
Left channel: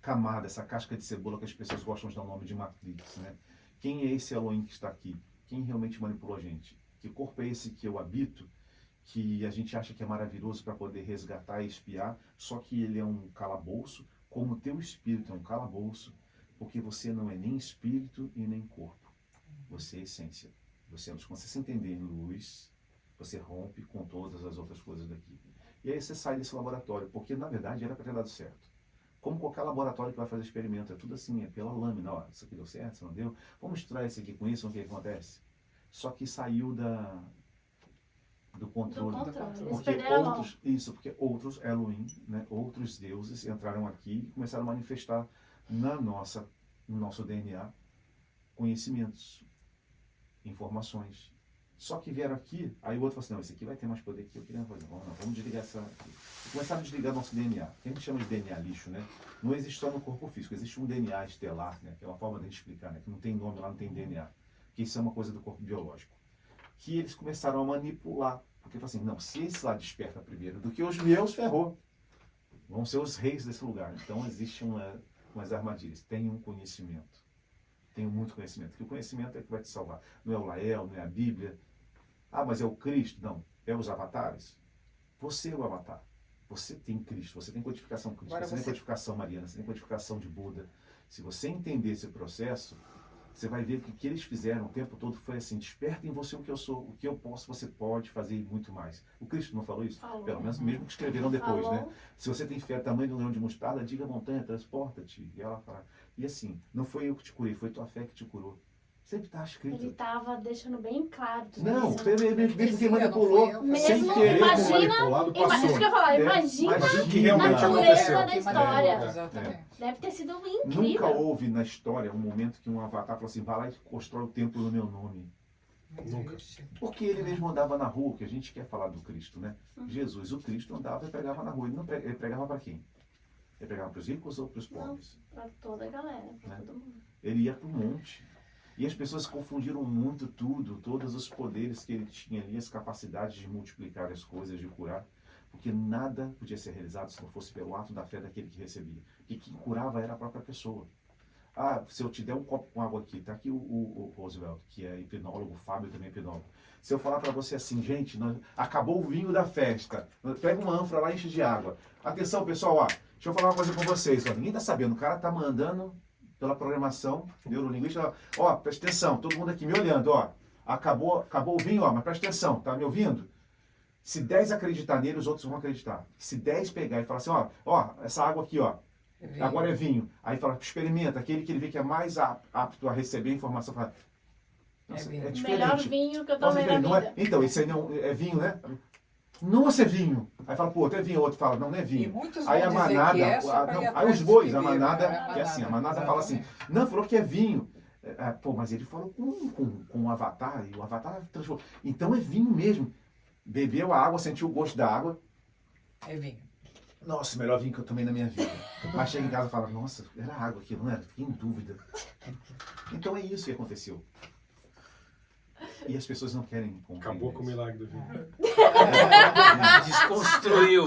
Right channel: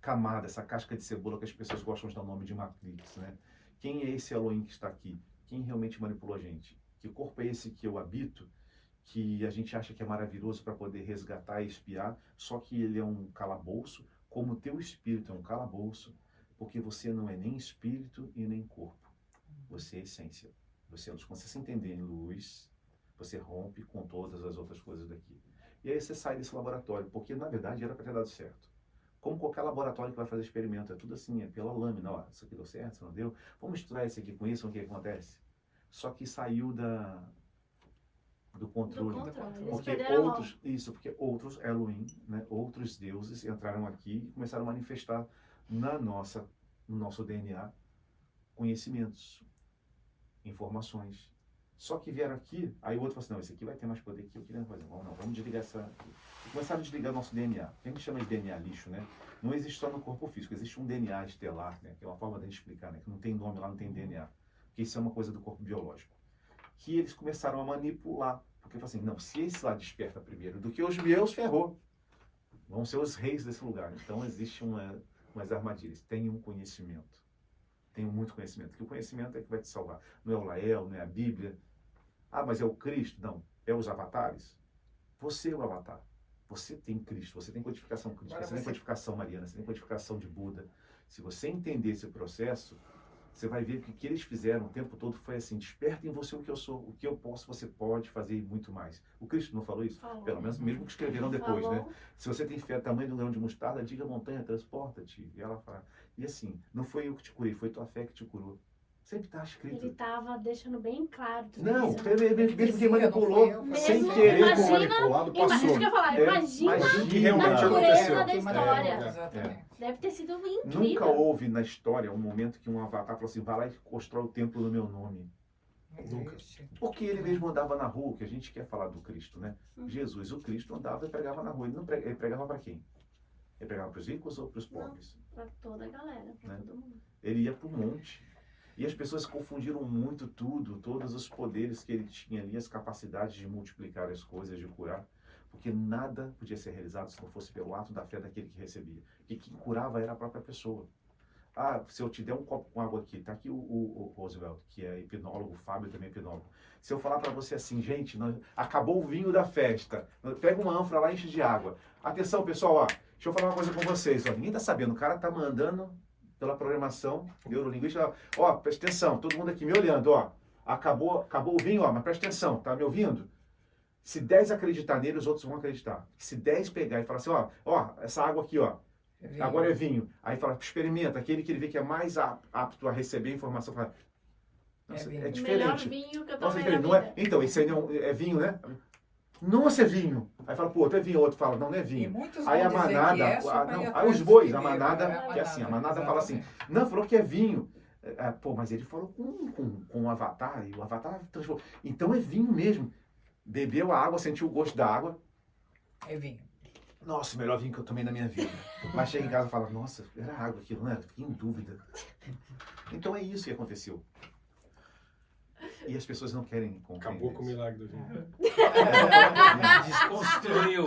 camada, essa casca de cebola que as pessoas gostam de dar o nome de Matrix, né? Quem é esse Elohim que está aqui? Quem realmente manipulou a gente? Que corpo é esse que eu habito, que a gente acha que é maravilhoso para poder resgatar e espiar, só que ele é um calabouço, como o teu espírito é um calabouço, porque você não é nem espírito e nem corpo. Você é essência. Você é luz. Quando você se entender em luz, você rompe com todas as outras coisas daqui. E aí você sai desse laboratório, porque na verdade era para ter dado certo. Como qualquer laboratório que vai fazer experimento, é tudo assim, é pela lâmina, ó, isso aqui deu certo, isso não deu, vamos misturar isso aqui com isso, o que acontece? Só que saiu do controle. Eles Porque perderam a mão. porque outros Elohim, né, outros deuses entraram aqui e começaram a manifestar no nosso DNA conhecimentos, informações. Só que vieram aqui, aí o outro falou assim, não, esse aqui vai ter mais poder que eu queria fazer. Vamos desligar essa... E começaram a desligar nosso DNA. Que a gente chama de DNA lixo, né? Não existe só no corpo físico, existe um DNA estelar, né? Que é uma forma de a gente explicar, né? Que não tem nome lá, não tem DNA. Que isso é uma coisa do corpo biológico. Que eles começaram a manipular. Porque falaram assim, não, se esse lá desperta primeiro do que os meus, ferrou. Vão ser os reis desse lugar. Então existe umas armadilhas. Tenham conhecimento. Tenham muito conhecimento. Porque o conhecimento é que vai te salvar. Não é o Lael, não é a Bíblia. Ah, mas é o Cristo? Não. É os avatares? Você é o avatar. Você tem Cristo, você tem codificação crística, você tem codificação mariana, você tem codificação de Buda. Se você entender esse processo, você vai ver que o que eles fizeram o tempo todo foi assim, desperta em você o que eu sou, o que eu posso, você pode fazer e muito mais. O Cristo não falou isso? Falou. Pelo menos mesmo que escreveram depois, Falou. né? Se você tem fé tamanho de um grão de mostarda, diga a montanha, transporta-te. E ela fala. E assim, não foi eu que te curei, foi tua fé que te curou. Sempre está escrito. Ele estava deixando bem claro tudo Não, isso. mesmo quem manipulou, Mesmo, sem querer. imagina, manipulado, passou. isso que eu ia falar, imagina o que realmente a pureza aconteceu. da história. Exatamente. Deve ter sido incrível. Nunca houve na história um momento que um avatar falou assim, vai lá e constrói o templo no meu nome. Não Nunca. existe. Porque ele mesmo andava na rua, que a gente quer falar do Cristo, né? Uhum. Jesus, o Cristo, andava e pregava na rua. Ele pregava para quem? Ele pregava para os ricos ou para os pobres? Pra toda a galera, pra Né? todo mundo. Ele ia para o monte. E as pessoas confundiram muito tudo, todos os poderes que ele tinha ali, as capacidades de multiplicar as coisas, de curar. Porque nada podia ser realizado se não fosse pelo ato da fé daquele que recebia. Porque quem curava era a própria pessoa. Ah, se eu te der um copo com água aqui, tá aqui o Roosevelt, que é hipnólogo, o Fábio também é hipnólogo. Se eu falar para você assim, gente, acabou o vinho da festa, pega uma ânfora lá e enche de água. Atenção, pessoal, ó, deixa eu falar uma coisa com vocês, ó, ninguém tá sabendo, o cara tá mandando pela programação neurolinguística, ó, presta atenção, todo mundo aqui me olhando, ó, acabou o vinho, ó, mas presta atenção, tá me ouvindo? Se 10 acreditar nele, os outros vão acreditar. Se 10 pegar e falar assim, ó, essa água aqui, ó, agora é vinho. Aí fala, experimenta, aquele que ele vê que é mais apto a receber a informação, fala, nossa, vinho. é Melhor diferente. vinho que eu Nossa, tomei na não é, vida. então, esse aí não é vinho, né? Nossa, é vinho. Aí fala, pô, outro é vinho, outro fala, não é E vinho. muitos Aí a vão dizer manada, que é só pra ir aí atrás os do bois, que a viram, manada, né? que é assim, a manada fala assim, não, falou que é vinho. Pô, mas ele falou com o Avatar, e o Avatar transformou. Então é vinho mesmo. Bebeu a água, sentiu o gosto da água. É vinho. Nossa, o melhor vinho que eu tomei na minha vida. Mas chega em casa e fala, nossa, era água aquilo, não era? Fiquei em dúvida. Então é isso que aconteceu. E as pessoas não querem compreender. Acabou com o isso. milagre do vinho. Desconstruiu.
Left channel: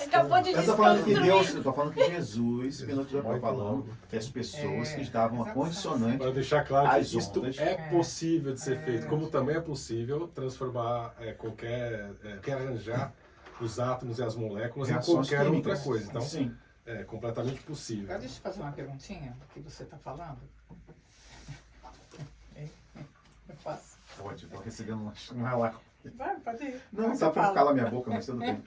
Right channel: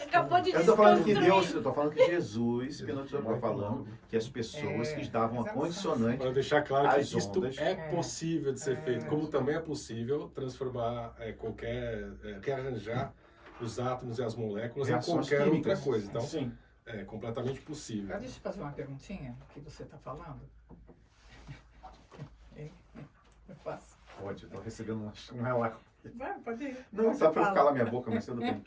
Acabou de Eu tô falando que desconstruir. Deus, eu tô falando que Jesus, que nós estamos falando, que as pessoas que estavam a condicionante. Para deixar claro que As isto ondas. é possível de ser feito, como também é possível transformar quer arranjar os átomos e as moléculas em Reações qualquer químicas. outra coisa. Então, Sim. é completamente possível. Agora deixa eu fazer uma perguntinha do que você está falando. Hein? Eu faço. Pode, eu tô recebendo um relato. Vai, pode ir. Não, Você só pra eu fala. calar minha boca, mas tudo bem.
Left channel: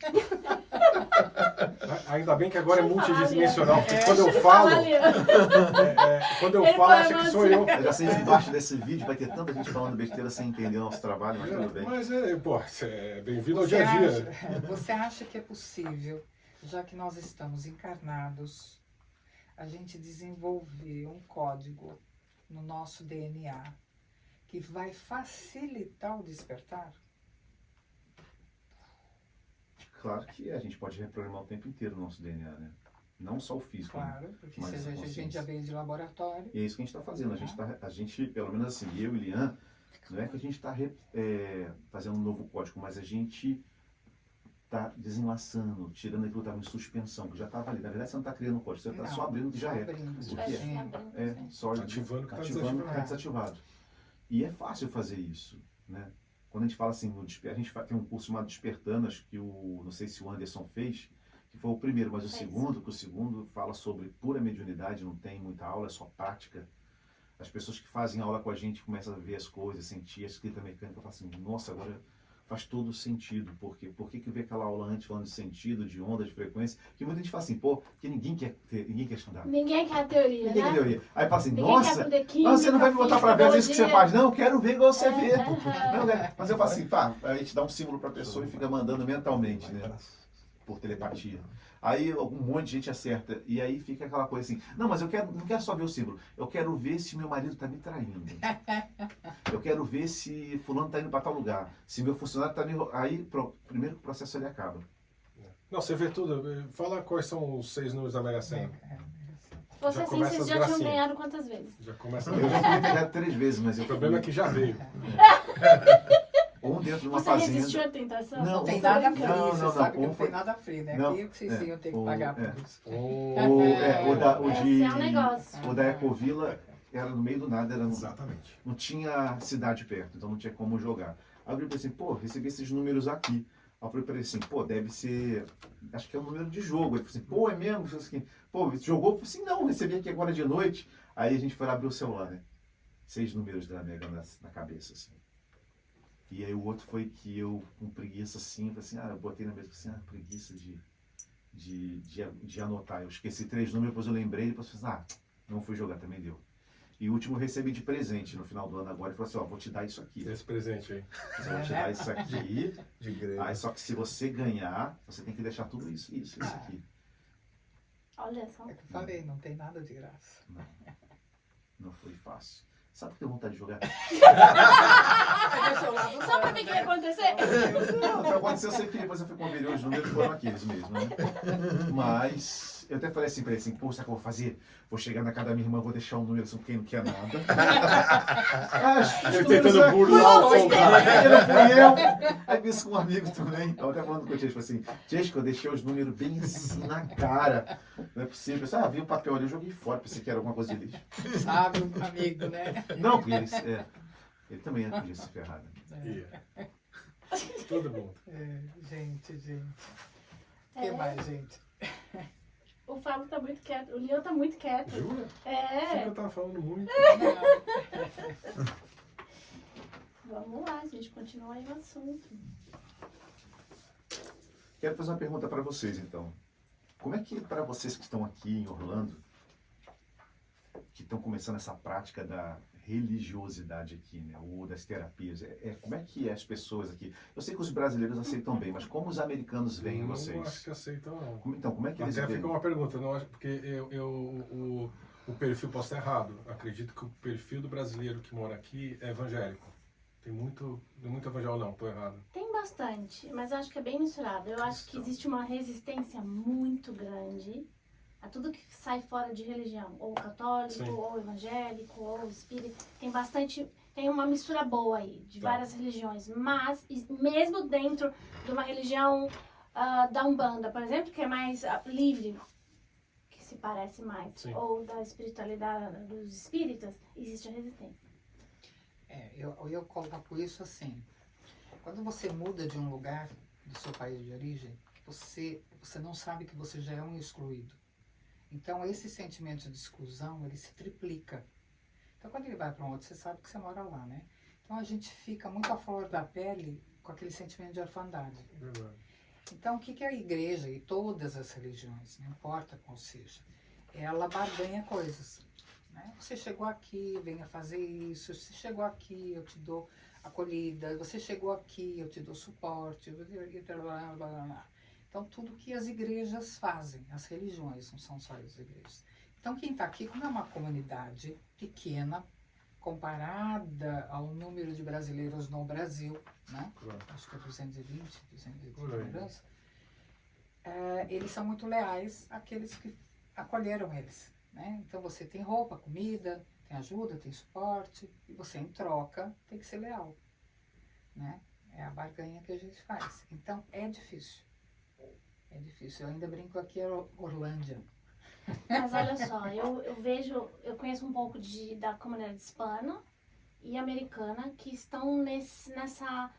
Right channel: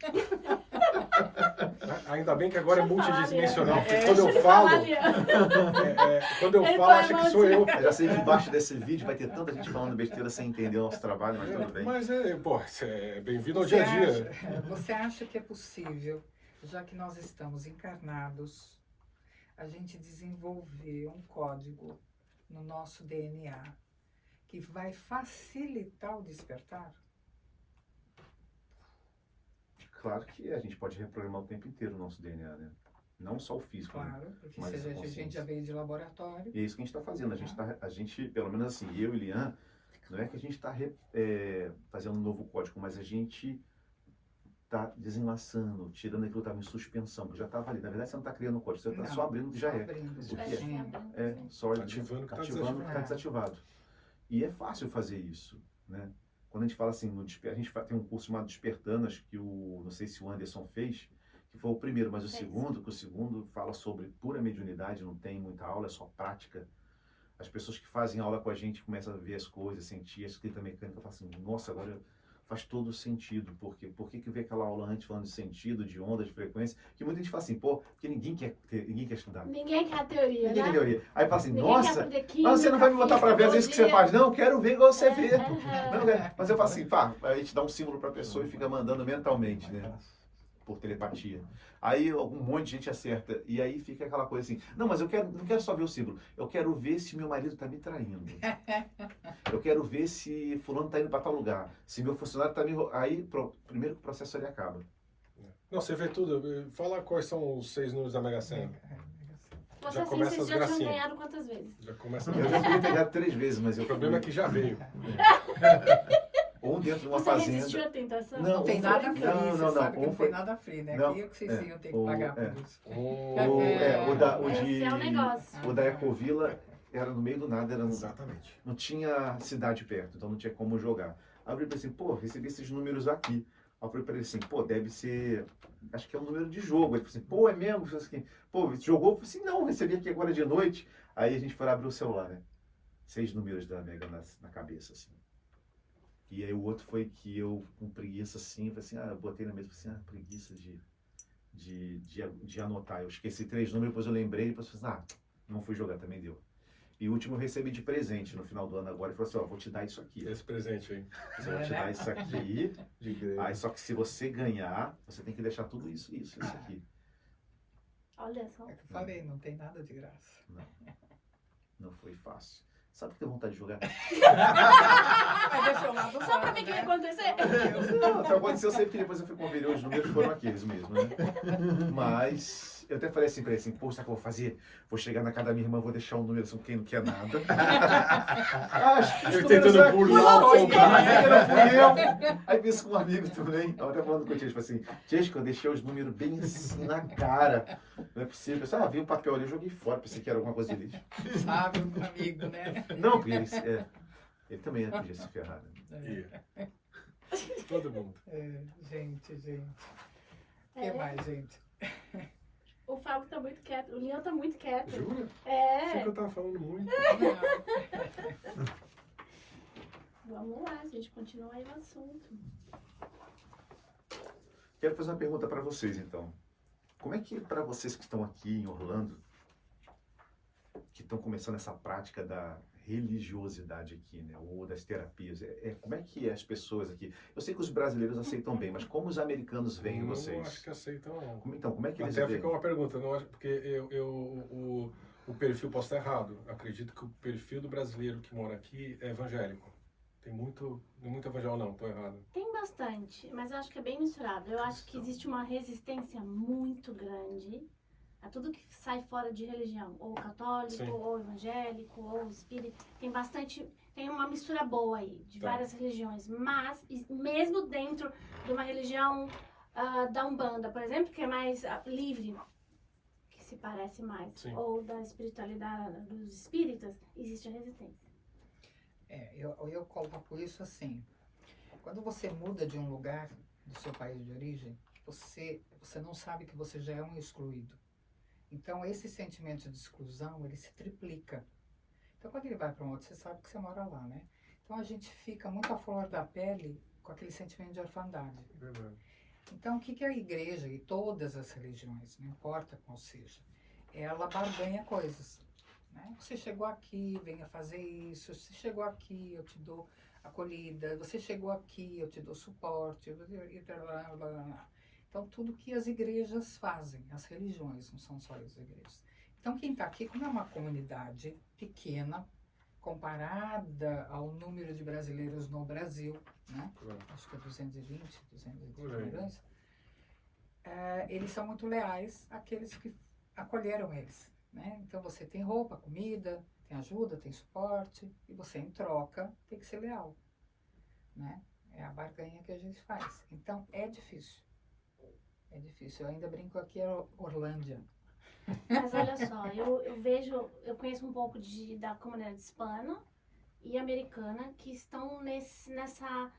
Ainda bem que agora é Deixa eu falar, multidimensional, porque Liana. quando eu Deixa falo, falar, Liana. quando eu Ele falo, põe acha que você. sou eu. Eu já sei que embaixo desse vídeo vai ter tanta gente falando besteira sem entender o nosso trabalho, mas tudo bem. Mas, pô, é bem-vindo ao Você dia a dia. você acha que é possível, já que nós estamos encarnados, a gente desenvolver um código no nosso DNA que vai facilitar o despertar? Claro que a gente pode reprogramar o tempo inteiro o nosso DNA, né? Não só o físico, né? Claro, porque Mas se essa a gente consciência. já veio de laboratório. E é isso que a gente está fazendo. A gente, pelo menos assim, eu e Lian, não é que a gente está fazendo um novo código, mas a gente está desenlaçando, tirando aquilo que estava em suspensão, que já estava ali. Na verdade, você não está criando um código, você está Não, só abrindo o que já é. abrindo, O Vai que é? se abrindo, É, sim. só Ativando o que tá ativando o que está desativado. desativado. E é fácil fazer isso, né? Quando a gente fala assim, a gente tem um curso chamado Despertando, acho que não sei se o Anderson fez, que foi o primeiro, mas o segundo, que o segundo fala sobre pura mediunidade, não tem muita aula, é só prática. As pessoas que fazem aula com a gente começam a ver as coisas, sentir a escrita mecânica, falam assim, nossa, agora faz todo sentido. Por que vê aquela aula antes falando de sentido, de onda, de frequência? Que muita gente fala assim, pô, porque ninguém quer estudar. Ninguém quer a teoria, Ninguém quer né? teoria. Aí fala assim, Ninguém nossa, quer aprender química, mas você não vai me botar pra ver às vezes o que você fisiologia. faz. Não, quero ver igual você vê. Aham. Não, né? Mas eu falo assim, pá, a gente dá um símbolo pra pessoa e fica mandando mentalmente, né? Por telepatia. Aí um monte de gente acerta. E aí fica aquela coisa assim, não, mas não quero só ver o símbolo. Eu quero ver se meu marido tá me traindo. Eu quero ver se fulano tá indo pra tal lugar. Se meu funcionário tá me... Aí, primeiro que o processo ele acaba. Não, você vê tudo. Fala quais são os 6 números da Mega Sena. Você Já assim, começa vocês as já tinham gracinhas. ganhado quantas vezes? Já começa Eu já fui pegado 3 vezes, mas eu... O problema é que já veio. Um dentro de uma Você resistiu fazenda... à tentação? Não, Não tem um nada foi- free, não, você não, sabe que um não foi- tem nada free, né? Não, Aqui é que vocês iam ter que pagar por isso. O Esse é um negócio. o da Ecovila era no meio do nada, Exatamente. não tinha cidade perto, então não tinha como jogar. Aí eu falei assim, pô, recebi esses números aqui. Aí eu falei pra ele assim, pô, deve ser, acho que é um número de jogo. Ele falou assim, pô, é mesmo? Eu falei assim, pô, jogou? Eu falei assim, não, recebi aqui agora de noite. Aí a gente foi abrir o celular, né? 6 números da Mega na cabeça, assim. E aí o outro foi que eu, com preguiça assim, eu falei assim, eu botei na mesa, falei assim, preguiça de anotar. Eu esqueci 3 números, depois eu lembrei, depois eu falei assim, não fui jogar, também deu. E o último eu recebi de presente no final do ano agora, ele falou assim, vou te dar isso aqui. Esse presente aí. Eu vou te dar isso aqui, De grego. aí só que se você ganhar, você tem que deixar tudo isso aqui. Olha só. É que eu falei, não tem nada de graça. Não foi fácil. Sabe que tem vontade de jogar? Só pra ver o que vai acontecer. Não, pra acontecer, eu sei que depois eu fui conferir os números, foram aqueles mesmo, né? Mas eu até falei assim pra ele assim, pô, sabe o que eu vou fazer? Vou chegar na casa da minha irmã, vou deixar um número assim, quem não quer nada. Eu tentando burlar o Não fui eu. Aí vi isso com um amigo também. Eu até falando com o Tiesco, assim, Tiesco, eu deixei os números bem assim na cara. Não é possível. Eu disse, vi o papel ali, eu joguei fora, pensei que era alguma coisa de lixo. Sabe, um amigo, né? Não, porque ele também podia se ferrar, né? Todo mundo. Gente. O que mais, gente? O Fábio tá muito quieto, o Leon tá muito quieto. Jura? Achei que eu É. tava falando muito. Vamos lá, gente, continua aí o assunto. Quero fazer uma pergunta para vocês, então. Como é que, para vocês que estão aqui em Orlando, que estão começando essa prática da religiosidade aqui, né, ou das terapias, como é que as pessoas aqui... Eu sei que os brasileiros aceitam bem, mas como os americanos veem Não vocês? acho que aceitam, não. Então, como é que eles Até veem? ficou uma pergunta, não acho, porque o perfil posso estar errado. Acredito que o perfil do brasileiro que mora aqui é evangélico. Tem muito evangélico, não, estou errado. Tem bastante, mas eu acho que é bem misturado. Eu acho que existe uma resistência muito grande a tudo que sai fora de religião, ou católico, Sim. ou evangélico, ou espírita. Tem uma mistura boa aí, de Tá. várias religiões, mas mesmo dentro de uma religião da Umbanda, por exemplo, que é mais livre, que se parece mais, Sim. ou da espiritualidade dos espíritas, existe a resistência. Eu coloco isso assim. Quando você muda de um lugar do seu país de origem, você não sabe que você já é um excluído. Então, esse sentimento de exclusão, ele se triplica. Então, quando ele vai para um outro, você sabe que você mora lá, né? Então, a gente fica muito à flor da pele com aquele sentimento de orfandade. Verdade. Então, o que a igreja e todas as religiões, não importa qual seja, ela barganha coisas. Né? Você chegou aqui, venha fazer isso. Você chegou aqui, eu te dou acolhida. Você chegou aqui, eu te dou suporte. Blá, blá, blá. Então, tudo que as igrejas fazem, as religiões, não são só as igrejas. Então, quem está aqui, como é uma comunidade pequena, comparada ao número de brasileiros no Brasil, né? Claro. Acho que é 220 Olha aí. mudança, eles são muito leais àqueles que acolheram eles. Né? Então, você tem roupa, comida, tem ajuda, tem suporte, e você, em troca, tem que ser leal. Né? É a barganha que a gente faz. Então, é difícil. É difícil. Eu ainda brinco aqui, é Orlândia. Mas olha só, eu conheço um pouco da comunidade hispana e americana que estão nessa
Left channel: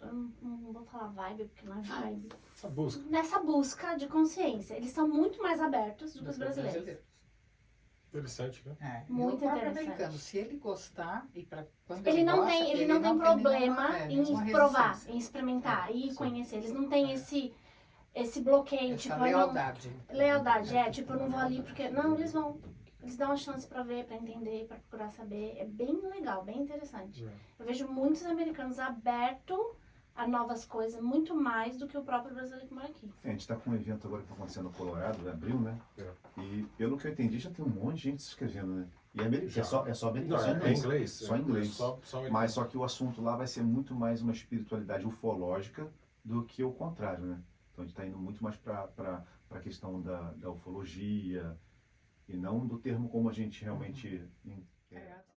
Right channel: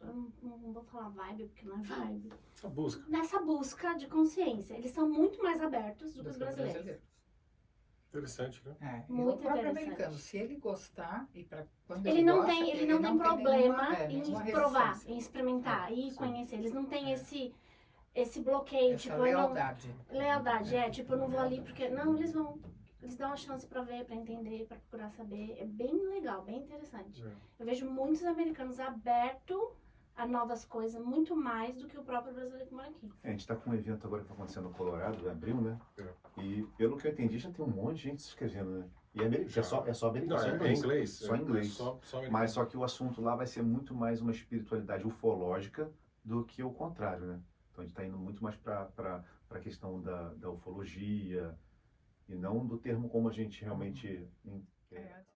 não vou falar vibe, porque não é vibe. Essa busca. Nessa busca de consciência. Eles são muito mais abertos do que os brasileiros. Interessante, né? Muito E o próprio interessante. americano, se ele gostar, e quando Ele não gosta, tem, ele não tem problema nenhuma em provar, resistência. em experimentar e sim. conhecer. Eles não têm esse bloqueio, Essa tipo, lealdade. tipo, eu não vou ali porque... Não, eles vão. Eles dão uma chance pra ver, pra entender, pra procurar saber. É bem legal, bem interessante. É. Eu vejo muitos americanos abertos a novas coisas, muito mais do que o próprio brasileiro que mora aqui. A gente está com um evento agora que está acontecendo no Colorado, em abril, né? É. E pelo que eu entendi, já tem um monte de gente se inscrevendo, né? E Já. é só americano, Não, só é inglês. inglês. Só inglês. Só Mas só que o assunto lá vai ser muito mais uma espiritualidade ufológica do que o contrário, né? Então a gente está indo muito mais para a questão da ufologia e não do termo como a gente realmente entende.